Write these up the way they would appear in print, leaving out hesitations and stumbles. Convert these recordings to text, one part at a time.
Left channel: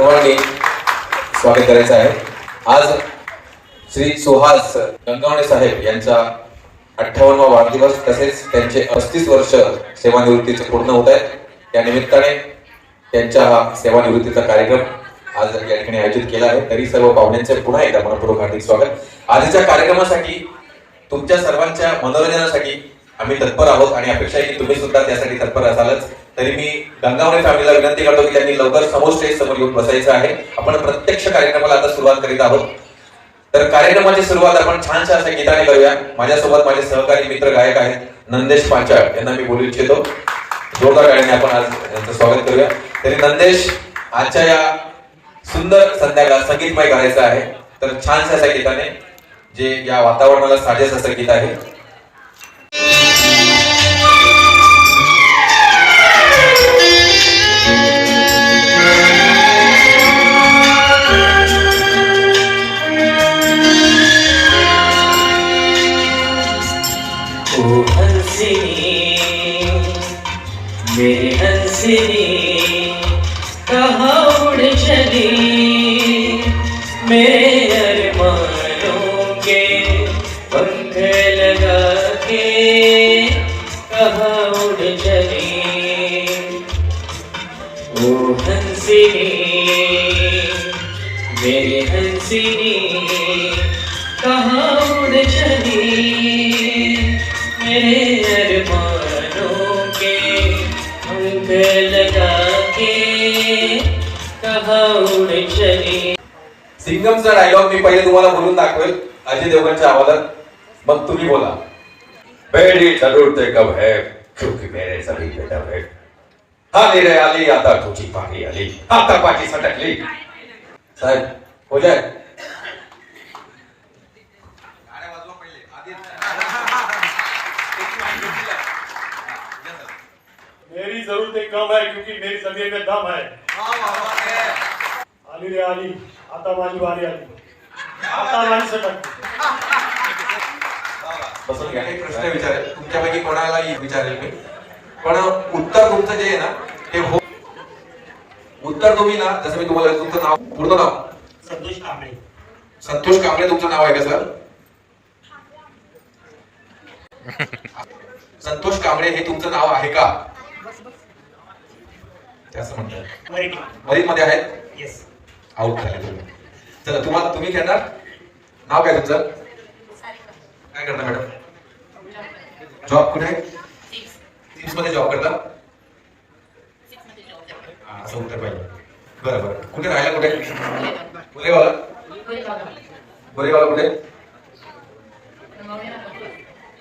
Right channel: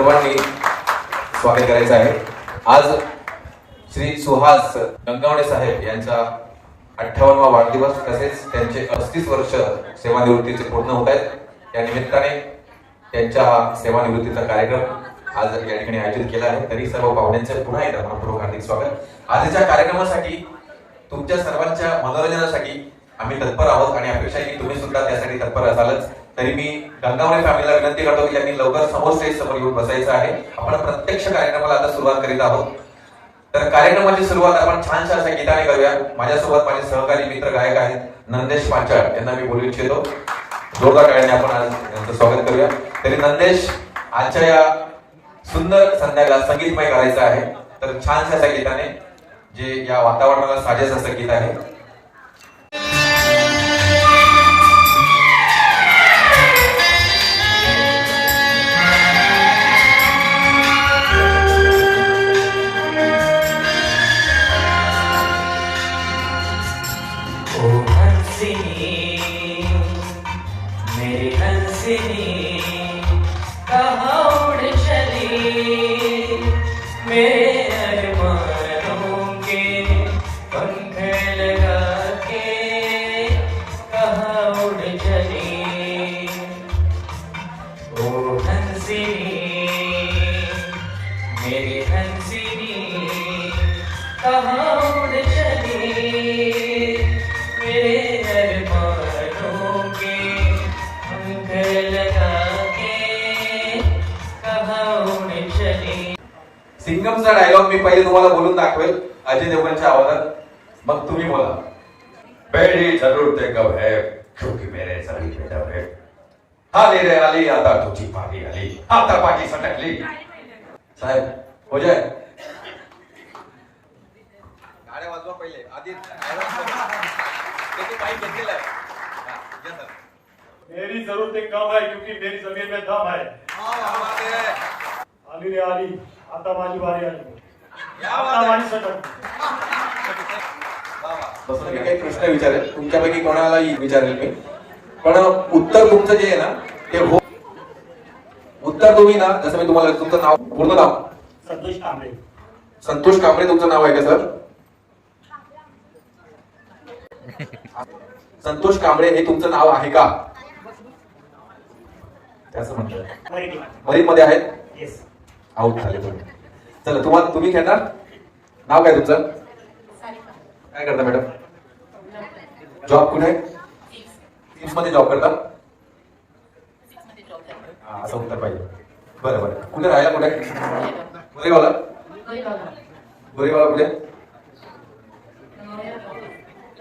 सर्वांनी स्वागत करायचं आहे। आज श्री सुहास गंगावणे साहेब यांचा 58वा वाढदिवस तसेच त्यांचे 35 वर्ष सेवानिवृत्तीचे पूर्ण होत आहेत। त्या निमित्ताने त्यांच्या हा सेवानिवृत्तीचा कार्यक्रम आज या ठिकाणी आयोजित केला आहे। तरी सर्व पाहुण्यांचे पुन्हा एकदा मनपूर्वक हार्दिक स्वागत। आजच्या कार्यक्रमासाठी तुमच्या सर्वांच्या मनोरंजनासाठी आम्ही तत्पर आहोत आणि अपेक्षा आहे की तुम्ही सुद्धा त्यासाठी तत्पर असालच। तरी मी गंगावणे फॅमिलीला विनंती करतो की त्यांनी लवकर समोर स्टेज समोर येऊन बसायचं आहे। आपण प्रत्यक्ष कार्यक्रमाला आता सुरुवात करीत आहोत। तर कार्यक्रमाची सुरुवात आपण छानशा अशा गीताने करूया। माझ्यासोबत माझे सहकारी मित्र गायक आहेत नंदेश पाचाळ, यांना मी बोलू इच्छितो। जोरदार गाण्याने आपण आज त्यांचं स्वागत करूया। तरी नंदेश, आजच्या या सुंदर संध्याकाळ संगीतमय करायचं आहे, तर छानशा अशा गीताने जे या वातावरणाला साजेस असं गीत आहे। ओ हंसिनी मेरी हंसिनी कहाँ उड़ चली, मेरे अरमानों के पंख लगा के कहाँ उड़ चली। ओ हंसिनी मेरी हंसिनी कहाँ उड़ चली, मेरे अरमानों के पंख लगा के कहाँ उड़ चली। सिंगमचा डायलॉग मी पहिले तुम्हाला बोलून दाखवेल अजय देवगणच्या आवाजात, मग तुम्ही बोला। पहली जरूरत कब है क्योंकि मेरे सभी बेटा है। आली रे आली आता तुझी पाठी आली, आता पाठी सटकली। साहेब हो जाए। मेरी जरूरतें कम है क्योंकि मेरी जमीन में दम है। आली रे आली आता माझी बारी आली, आता माझी सटक। बसून घ्या, एक प्रश्न विचारेल तुमच्यापैकी कोणालाही विचारेल मी, पण उत्तर तुमचं जे आहे ना ते हो, उत्तर तुम्ही ना, जसं मी तुम्हाला तुमचं नाव पूर्ण नाव संतोष कांबळे। संतोष कांबळे तुमचं नाव आहे का सर? संतोष कांबळे हे तुमचं नाव आहे का? असं म्हणतात मरीन मध्ये आहेत। येस, आउट झाले तुम्ही। चला तुम्हाला तुम्ही खेळणार, नाव काय तुमचं? काय करता मॅडम? जॉब कुठे? सिक्स मध्ये जॉब करता? असं उत्तर पाहिजे। बरं बरं, कुठे राहायला कुठे? गोरेगावला? गोरेगावला कुठे?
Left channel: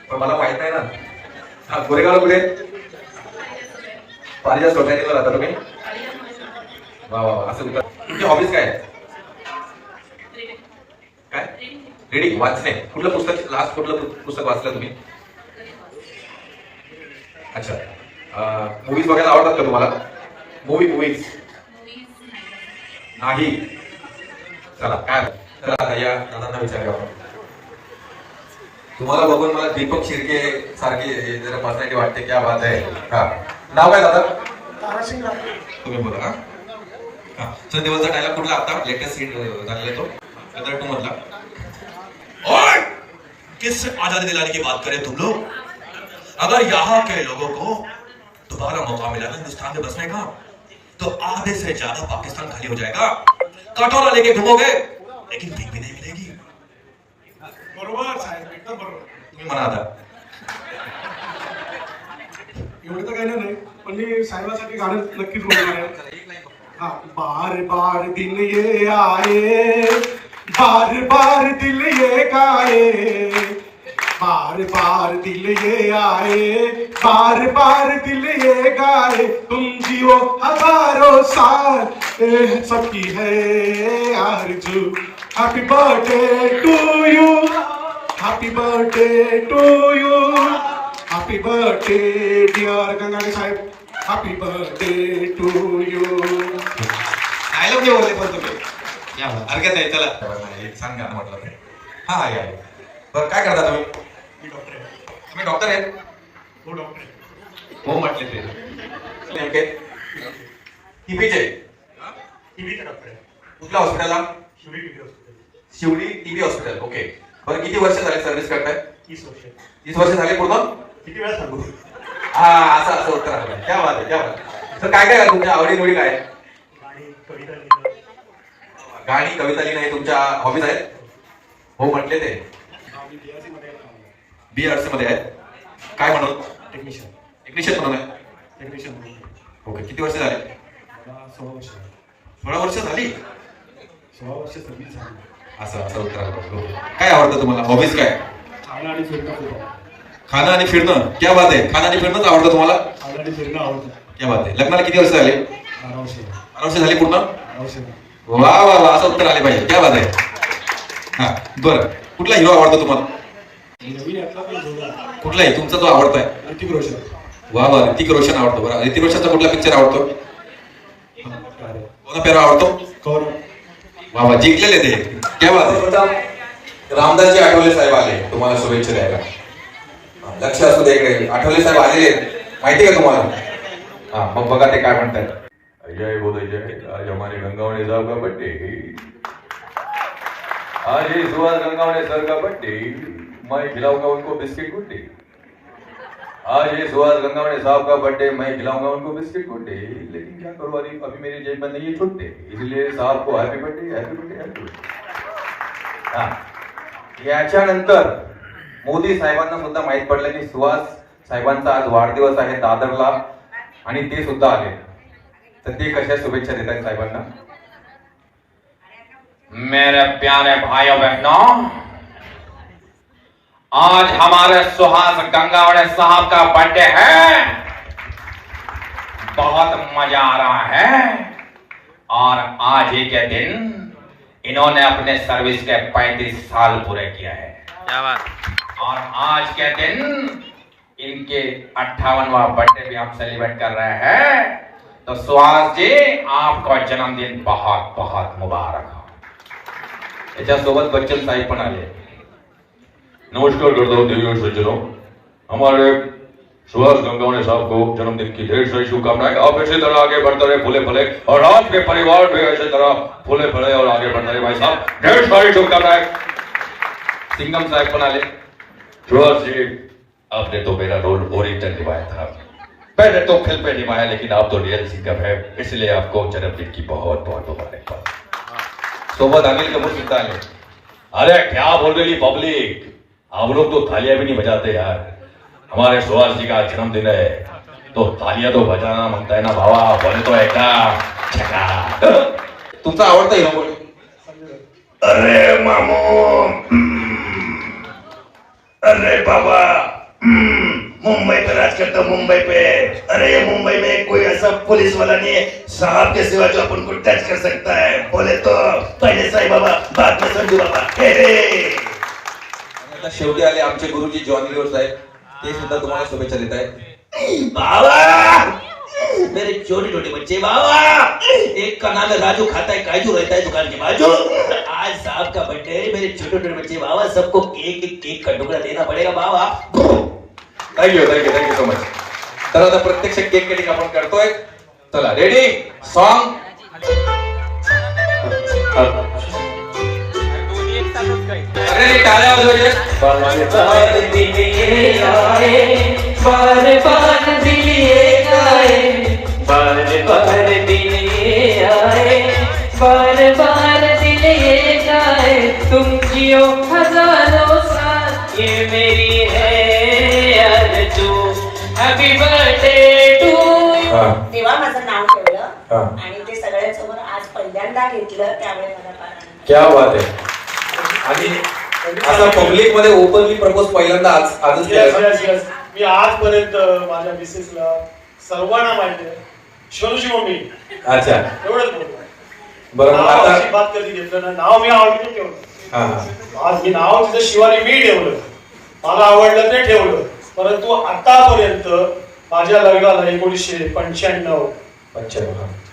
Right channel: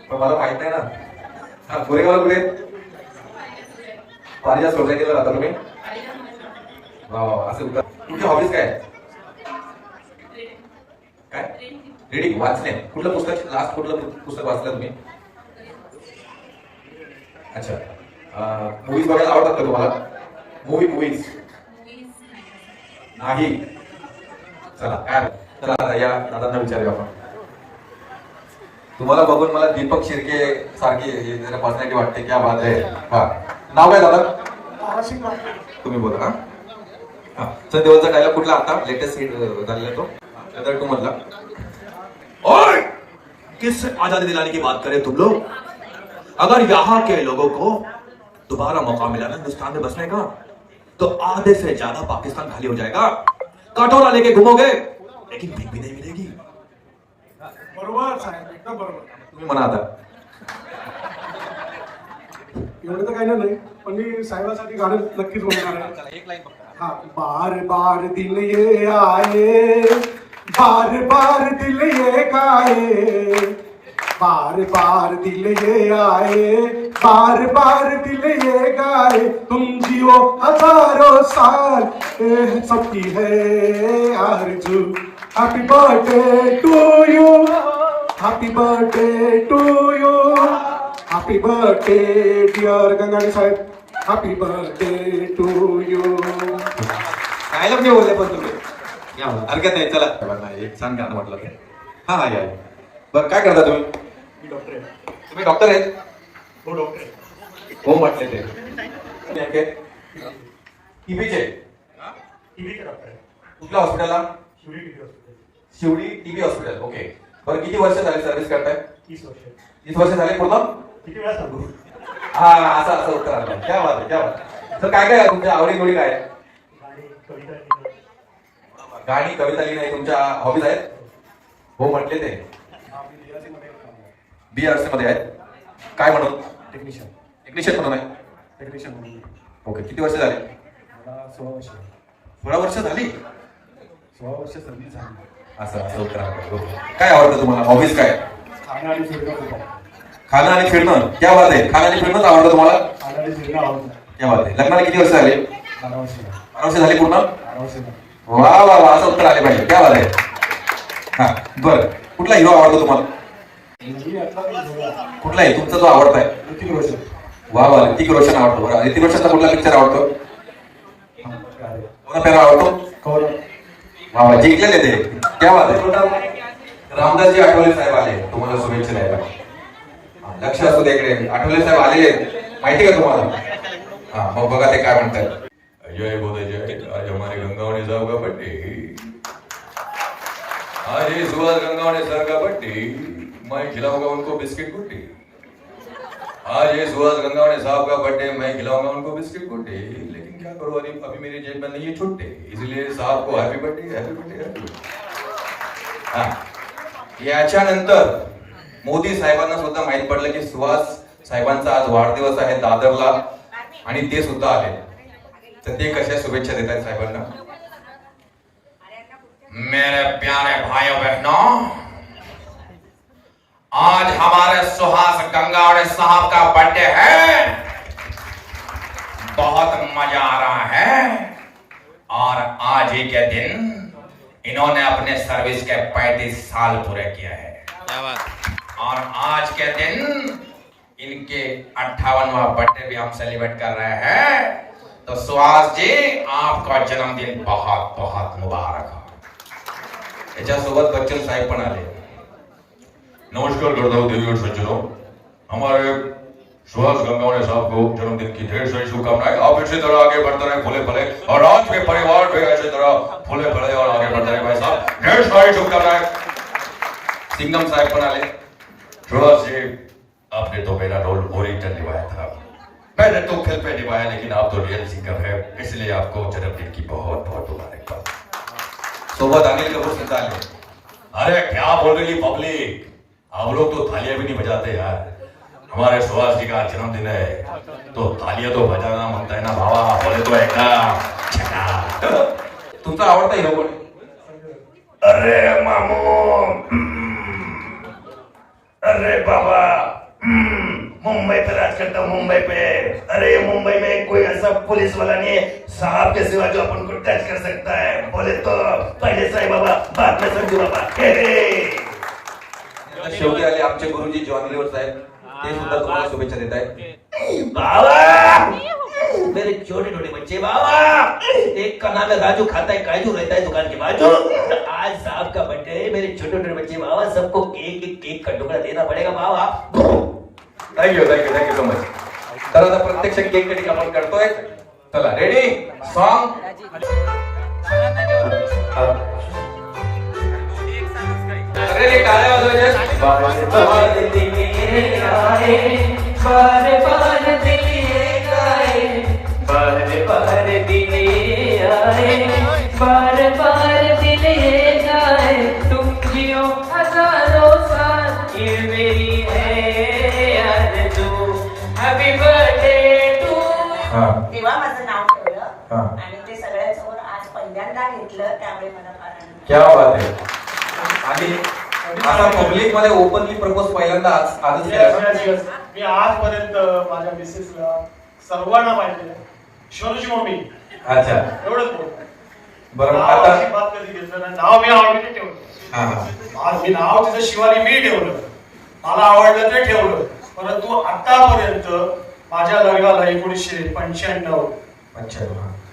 पण मला माहित नाही ना। हा, गोरेगावला कुठे? पारिजात सोसायटीला राहता तुम्ही? वा वा, असं उत्तर। तुमची हॉबीज काय? काय? रीडिंग, वाचणे। कुठलं पुस्तक लास्ट कुठलं पुस्तक वाचलं तुम्ही? अच्छा, मूवीज बघायला आवडतात का तुम्हाला? मूवीज नाही। चला काय, चला या दादांना विचारूया। तुम्हाला बघून मला दीपक शिर्के सारखी जरा पर्सनॅलिटी वाटते, क्या बात आहे। हा, नाव काय दादा? तुम्ही बोला। हा, सर देवलचा डायलॉग कुठला आता लेटेस्ट झालेला तो गदर 2 मधला? और किससे आजादी दिलाने की बात करें तुम लोग? अगर यहाँ के लोगों को दोबारा मौका मिला ना हिंदुस्तान में बसने का, तो आधे से ज्यादा पाकिस्तान खाली हो जाएगा। कटोरा लेके घूमोगे लेकिन भीख भी नहीं मिलेगी। बरोबर साहेब, एकदम बरोबर। तुम्ही म्हणा आता। एवढं तर काही नाही, पण मी साहेबासाठी गाणं नक्कीच म्हणणार आहे। हा, बार बार दिल ये आए, बार बार दिल ये गाए, बार बार दिल ये आए, बार बार दिल ये गाए। तुम जियो हजारों साल, सबकी है आरज़ू। Happy birthday to you, happy birthday to you, happy birthday dear Gangane साहेब, happy birthday to you. Dialogue नाही बोलले पण तुम्ही, हरकत नाही। चला एक छान गाणं म्हटलं। हा या, बरं काय करता तुम्ही? मी डॉक्टर आहे। तुम्ही डॉक्टर आहेत? हो डॉक्टर आहे। हो म्हटले ते नेमके टीबीचे टीव्हीचा डॉक्टर आहे. कुठल्या हॉस्पिटलला? Shivdi TV hospital. Shivdi TB hospital. Okay. बरं किती वर्ष झाले सर्व्हिस करताय? 30 वर्ष. 30 वर्ष झाले पूर्ण? किती वेळा सांगू? हा, असं असं उत्तर आलं पाहिजे. क्या बात आहे, क्या बात आहे. तर काय काय आहे तुमच्या आवडी निवडी काय आहे? गाणी, कविता लिहिणं. गाणी कविता लिहिणं हे तुमच्या हॉबीज आहेत? हो म्हटले ते. आम्ही DRC मध्ये काम करतो. BRC मध्ये आहेत. काय म्हणून? टेक्निशियन. टेक्निशियन म्हणून आहे. टेक्निशियन म्हणून. ओके. किती वर्ष झाले? आता 16 वर्ष. 16 वर्ष झाली. 16 वर्ष सर्व्हिस झाली. असं असं उत्तर आलं. बरोबर. काय आवडतं तुम्हाला? हॉबीज काय? खाणं आणि फिरणं खूप आवडतं. खाणं आणि फिरणं. क्या बात आहे. खाणं आणि फिरणंच आवडतं तुम्हाला? खाणं आणि फिरणं आवडतं. क्या बात आहे. लग्नाला किती वर्ष झाले? 12 वर्ष. 12 वर्ष झाली पूर्ण? 12 वर्ष. वा वा वा, असं उत्तर आले पाहिजे. क्या बात आहे. हा बरं. कुठला हिरो आवडतो तुम्हाला? नवीन यातला काही जोडा. कुठलाही तुमचा जो आवडता आहे? ऋतिक रोशन. वा वा, ऋतिक रोशन आवडतो. बरं, ऋतिक रोशनचा कुठला पिक्चर आवडतो? कोणता पेरा आवडतो? कौरव. वा वा, जिंकलेले ते. क्या बात आहे. रामदासजी आठवले साहेब आले तुम्हाला शुभेच्छा द्यायला. लक्ष असू दे इकडे. आठवले साहेब आलेले माहिती का तुम्हाला? हा, मग बघा ते काय म्हणतात. जय बोलो जय. आज हमारे गंगावणे साहब का बर्थडे. आज ये सुभाष गंगावणे सर का बर्थडे. मैं खिलाऊंगा उनको बिस्किट गुड्डे. आज ये सुभाष गंगावणे साहब का बर्थडे, मैं खिलाऊंगा उनको बिस्किट गुड्डे. लेकिन क्या करूं, अभी मेरी जेब में नहीं है छुट्टे, इसलिए साहब को happy birthday, happy birthday, happy birthday. हा, याच्यानंतर मोदी साहेबांना सुद्धा माहित पडलं की सुहास साहेबांचा आज वाढदिवस आहे दादरला आणि ते सुद्धा आले. तर ते कशा शुभेच्छा देतात साहेबांना? मेरे प्यारे भाइयों बहनों, आज हमारे सुहास गंगावणे साहब का बर्थडे है. बहुत मजा आ रहा है. और आज ही के दिन इन्होंने अपने सर्विस के 35 साल पूरे किए हैं. क्या बात. और आज के दिन इनके 58वां बर्थडे भी हम सेलिब्रेट कर रहे हैं. तो सुहास जी, आपका जन्मदिन बहुत बहुत मुबारक हो. याच्यासोबत बच्चन साहेब पण आले. नमस्कार करता हूँ देवी और सज्जनों. हमारे सुहास गंगावणे साहब को जन्मदिन की ढेर सारी शुभकामनाएं. आप इसी तरह आगे बढ़ते रहे, फूले फले, और आपके परिवार भी ऐसी तरह फूले फले और आगे बढ़ते रहे. भाई साहब, ढेर सारी शुभकामनाएं. सिंगम साहेब पण आले. सुहास जी, आपने तो मेरा रोल ओरिजिनल निभाया था. मैंने तो फिल्म पे निभाया, लेकिन आप तो रियल सिंगर है, इसलिए आपको जन्मदिन की बहुत बहुत मुबारकबाद. सोबत अनिल कपूर सुद्धा आले. अरे क्या बोल रही पब्लिक, आप लोग तो तालियां भी नहीं बजाते यार. हमारे सुहास जी का जन्मदिन है तो तालियां तो बजाना बनता है ना भावा. बोले तो एकदम छक्का. तुमचा आवडता हिरो कोण? अरे मामू, अरे बाबा, मुंबई पे राज करता हूँ, मुंबई पे. अरे मुंबई में कोई ऐसा पुलिस वाला नहीं है साहब के सिवा जो अपन को टच कर सकता है. बोले तो पहले साईं बाबा, बाद में संजू बाबा. हे हे. शेवटी आले आमचे गुरुजी जॉन लिओ साहेब. ते सुद्धा तुम्हाला शुभेच्छा देत आहेत. बाबा, मेरे छोटे छोटे बच्चे बाबा, एक का नाम है राजू, खाता है काजू, रहता है दुकान के बाजू. आज साहब का बर्थडे, मेरे छोटे छोटे बच्चे बाबा, सबको केक का टुकड़ा देना पड़ेगा बाबा. Thank you so much. तर आता प्रत्यक्ष केक कटिंग आपण करतोय. चला रेडी, सॉन्ग. अरे टाळ्या वाजवायचे. बार दिन ये आए, बार बार दिल ये आए, बार बार दिन ये आए, बार बार दिल ये आए. तुम जियो हजारों साल, ये मेरी है आरज़ू. Happy birthday to you. तेव्हा माझं नाव ठेवलं आणि ते सगळ्यांसमोर आज पहिल्यांदा घेतलं, त्यामुळे मला फार आनंद. क्या बात आहे. आणि आता पब्लिक मध्ये ओपनली प्रपोज पहिल्यांदा आजच केलं. मी आजपर्यंत माझ्या मिसेसला सर्वांना माहिती आहे, शोरूची मम्मी. अच्छा, एवढंच बोल. बरं मग आता नावाची बात कधी घेतलं ना, नाव मी आवडते ठेवलं. हा हा आज मी नाव तिचं शिवानी मी ठेवलं, मला आवडलं ते ठेवलं. परंतु आतापर्यंत माझ्या लग्नाला 1995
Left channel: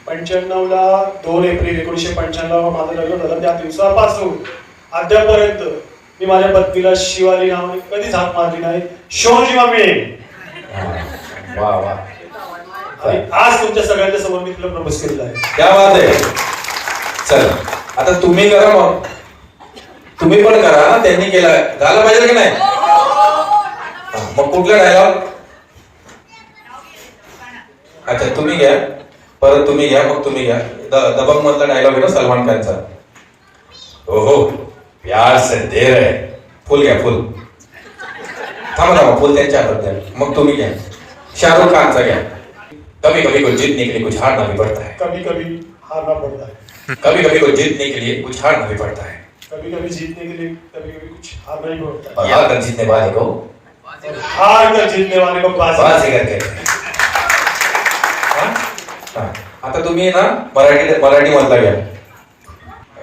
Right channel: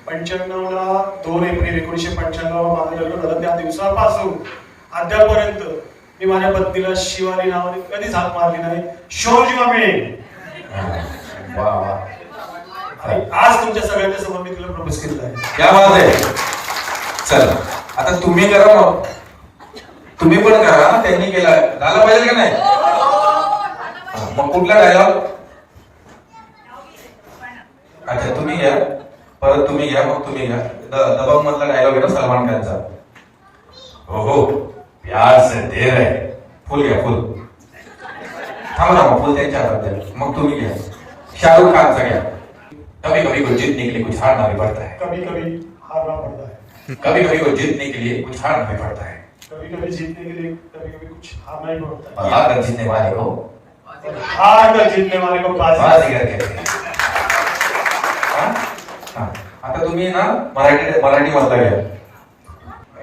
95ला 2 एप्रिल 1995 माझं लग्न झालं. त्या दिवसापासून अद्यापर्यंत मी माझ्या पत्नीला शिवानी नावाने कधीच हाक मारली नाही. शिवाजी मम्मी. वा वा. आणि आज तुमच्या सगळ्यांच्या समोर मी तुला प्रपोज केलेला आहे. क्या बात आहे. चला आता तुम्ही करा मग, तुम्ही पण करा, त्यांनी केलं झालं पाहिजे की नाही? मग कुठला डायलॉग? अच्छा तुम्ही घ्या, परत तुम्ही घ्या, मग तुम्ही घ्या. दबंग मधला डायलॉग आहे ना सलमान खानचा. ओहो प्यार से दे रहे, फुल घ्या फुल. थांबा फुल त्यांच्या हातात द्या, मग तुम्ही घ्या. शाहरुख खानचा घ्या. कभी कभी को जीतने के लिए कुछ हारना भी पड़ता है. कभी कभी हारना पड़ता है. कभी कभी को जीतने के लिए कुछ हारना भी पड़ता है. कभी कभी जीतने के लिए कभी कभी कुछ हारना ही पड़ता है. और हार जीतने वाले को हार कर जीतने वाले को बाजी करके. आता तुम्ही ना मराठी मधला घ्या.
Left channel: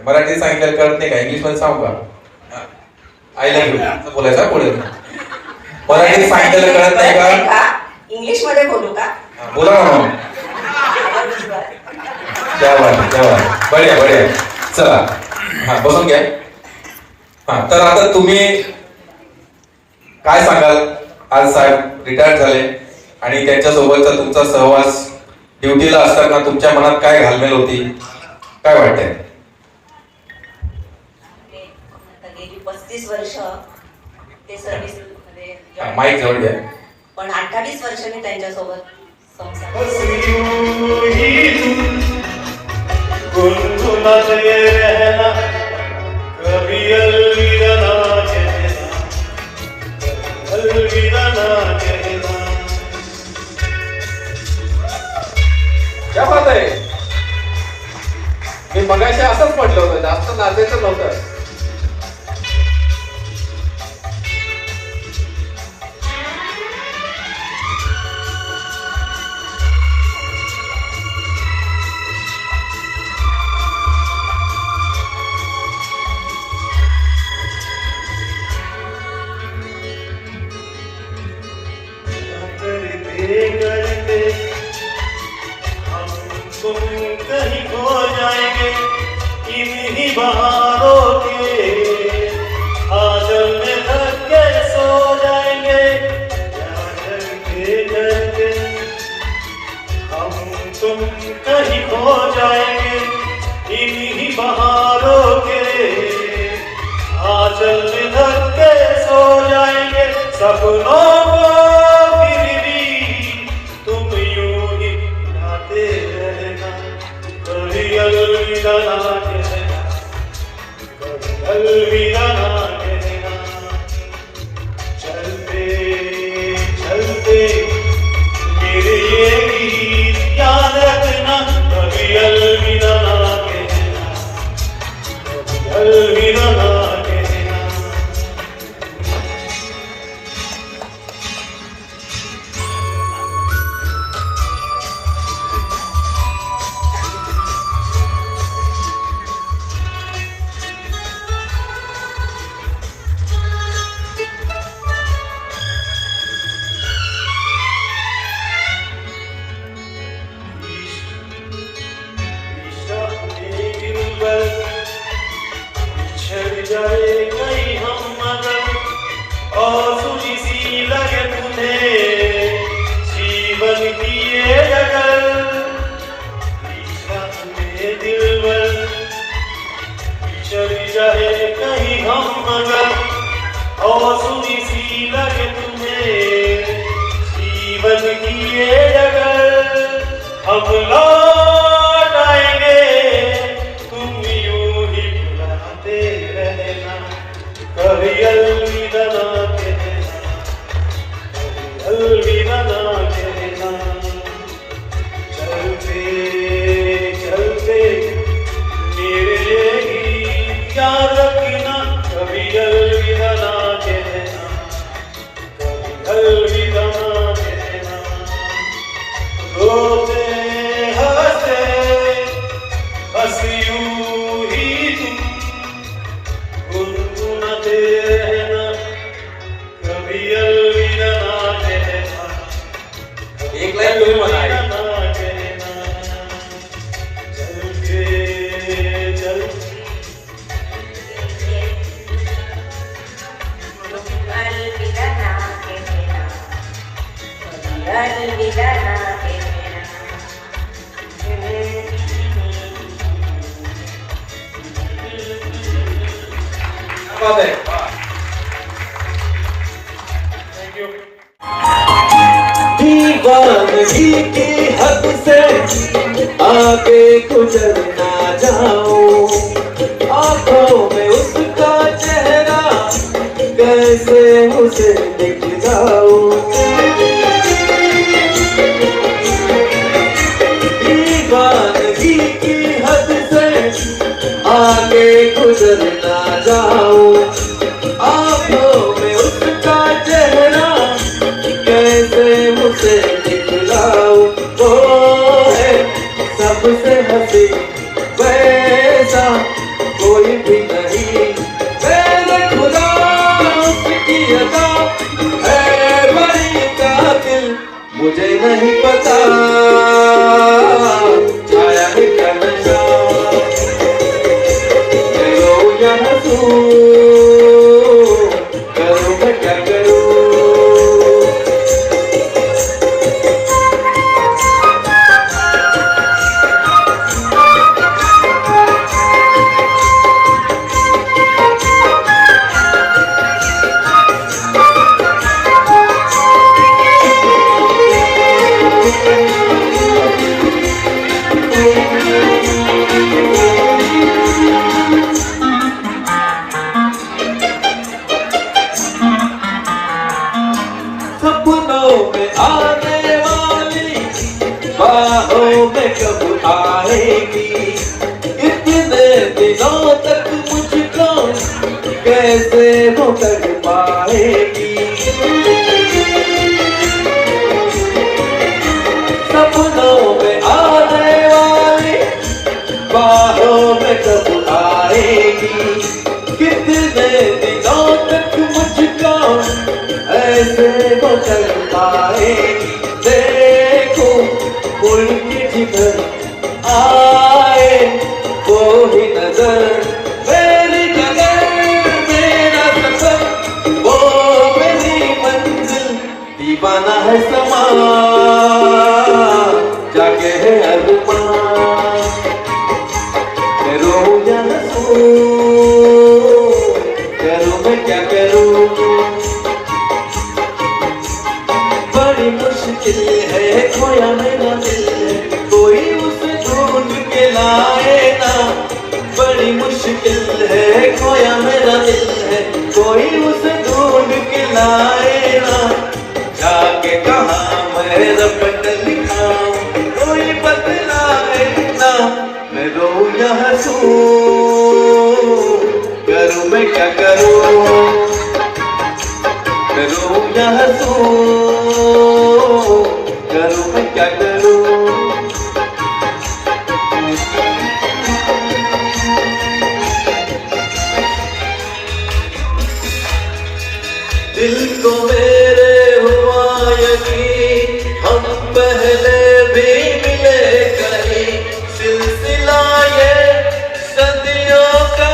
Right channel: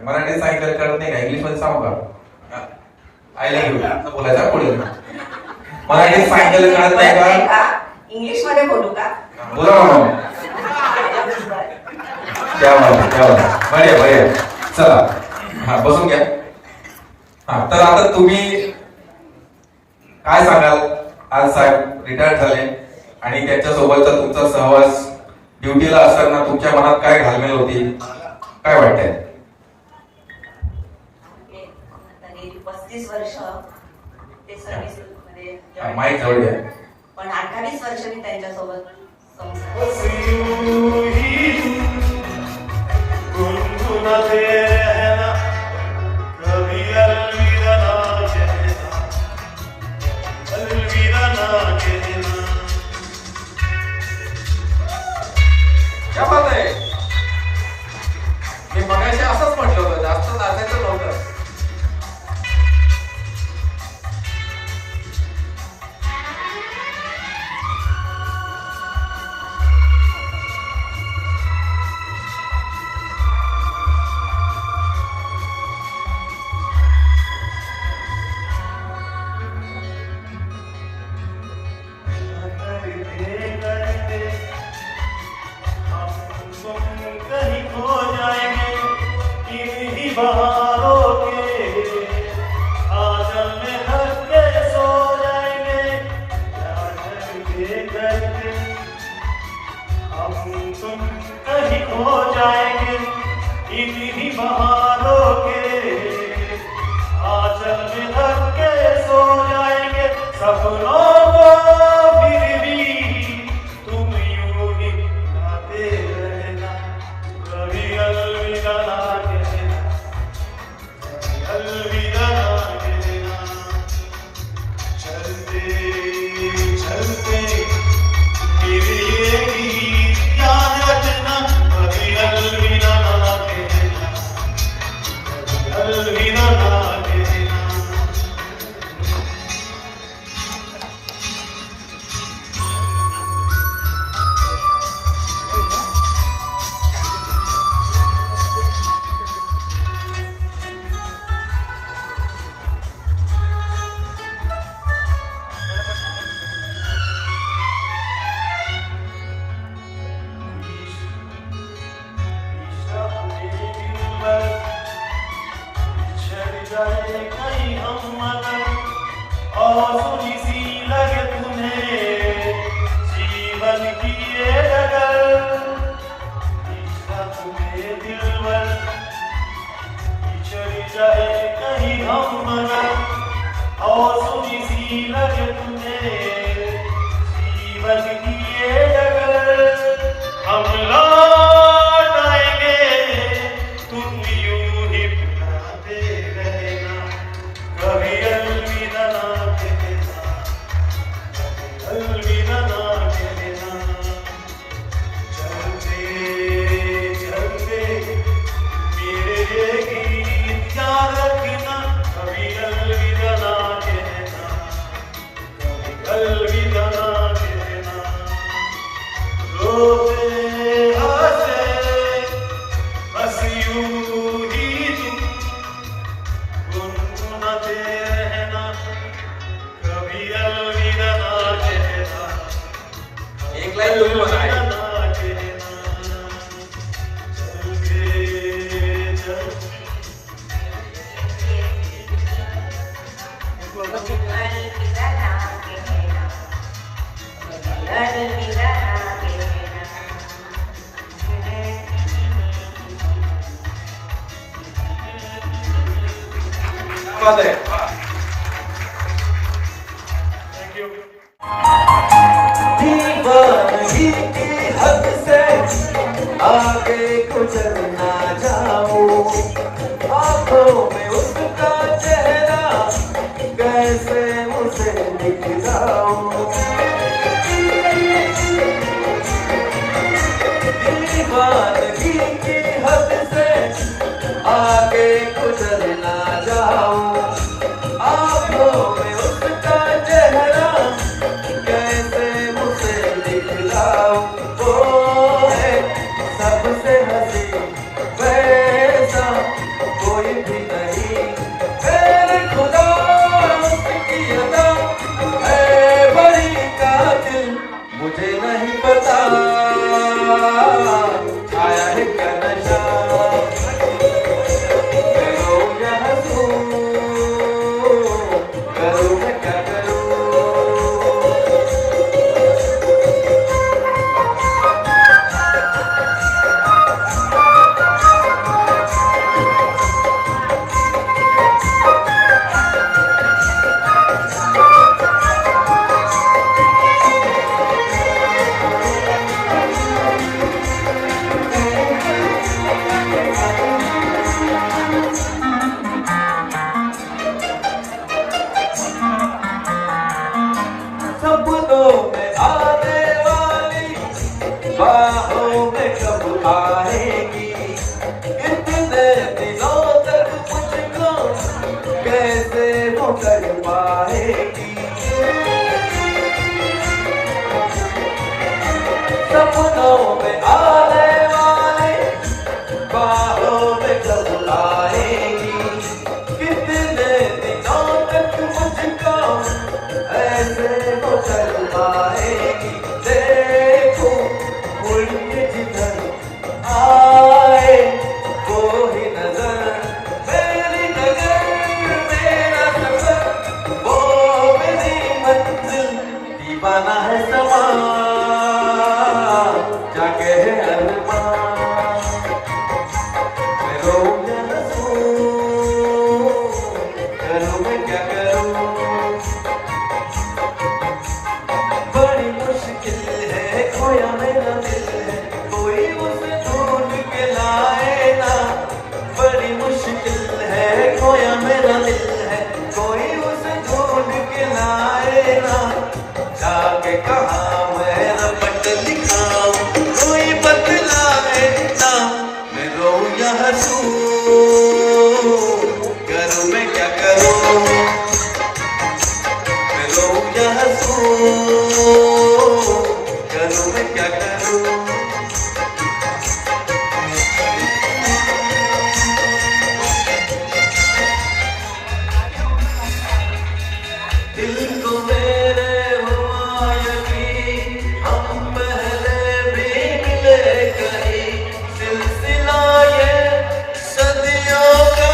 मराठी सांगितलं कळत नाही का? इंग्लिश मध्ये सांगू का? आय लव्ह यू बोलायचं पुढे. मराठी सांगितलं कळत नाही का? इंग्लिश मध्ये बोलू का? बोला म्हणून. बढिया बढिया. चला हा बसून घ्या. हा तर आता तुम्ही काय सांगाल? आज साहेब रिटायर झाले आणि त्यांच्यासोबतचा तुमचा सहवास ड्युटीला असताना तुमच्या मनात काय घालमेल होती, काय वाटतंय? गेली 35 वर्ष ते सर्व्हिस मध्ये माईक जवळ घ्या. पण 28 वर्ष मी त्यांच्यासोबत संसार क्या बात आहे. मी मगाशी असंच म्हटलं होतं, जास्त नाचायचं नव्हतं. अलविदा ना कहना, रोते बात है. दीवानगी की हद से आगे गुजर ना जाऊं, आंखों में उसका चेहरा कैसे उसे दिखलाऊं. दीवानगी की हद से आगे गुजर ना जाऊं, आंखों में उसका चेहरा कैसे मुझे दिखलाऊं. वो है सबसे हंसी वैसा कोई भी नहीं, मेरे खुदा उसकी अदा है बड़ी कातिल, मुझे नहीं पता छाया है क्या नशा. करो या हंसूं, करो मैं क्या करूं. सपनों में आने वाली बाहों में कब आएगी, कितने दिनों तक मुझको कैसे वो कर पाएगी. सपनों में आने वाली बाहों में कब आएगी, कितने दिनों तक मुझको ऐसे वो कर पाएगी. देखो मुड़ के जिधर आए वो ही नजर, मेरी नजर मेरा सफर, वो मेरी मंजिल. दीवाना है समा जाके है अरमान, मैं रोऊं या हंसूं, करूं मैं क्या करूं. बड़ी मुश्किल है खोया मेरा दिल है, कोई उसे ढूंढ के लाए ना. बड़ी मुश्किल है खोया मेरा दिल है, कोई उसे ढूंढ के लाए ना. जाके कहाँ मैं रपट दिखाऊं, कोई बतलाए ना. मैं रोऊं या हंसूं, करूं मैं क्या करूं. मैं रोऊं या हंसूं, करूं मैं क्या करूं. दिल को मेरे हुआ यकीन, हम पहले भी मिले कहीं. सिलसिला ये सदियों का,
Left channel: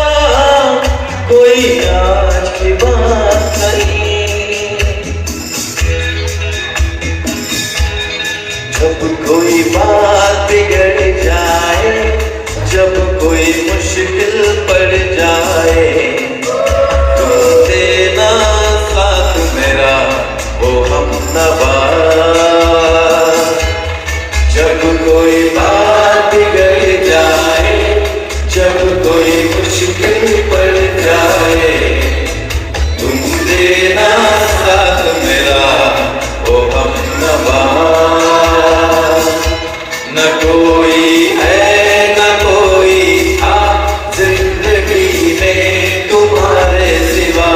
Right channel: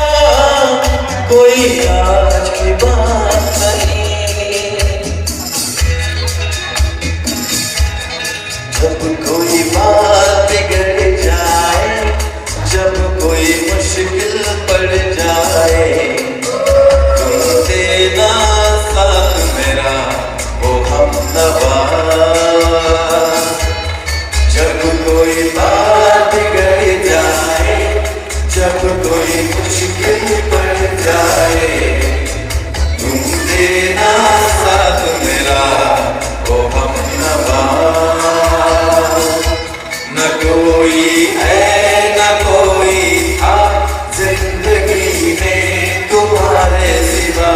कोई आज की बात नहीं. जब कोई बात बिगड़ जाए, जब कोई मुश्किल पड़ जाए, तुम देना साथ मेरा वो हमनवा. जब कोई बात बिगड़ जाए, जब कोई मुश्किल पड़ जाए, तुम देना साथ मेरा वो हमनवा. न कोई है न कोई था जिंदगी में तुम्हारे सिवा,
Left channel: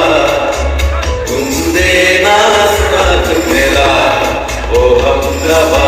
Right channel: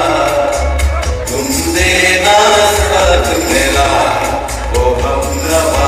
तुम देना साथ मेरा वो हमनवा.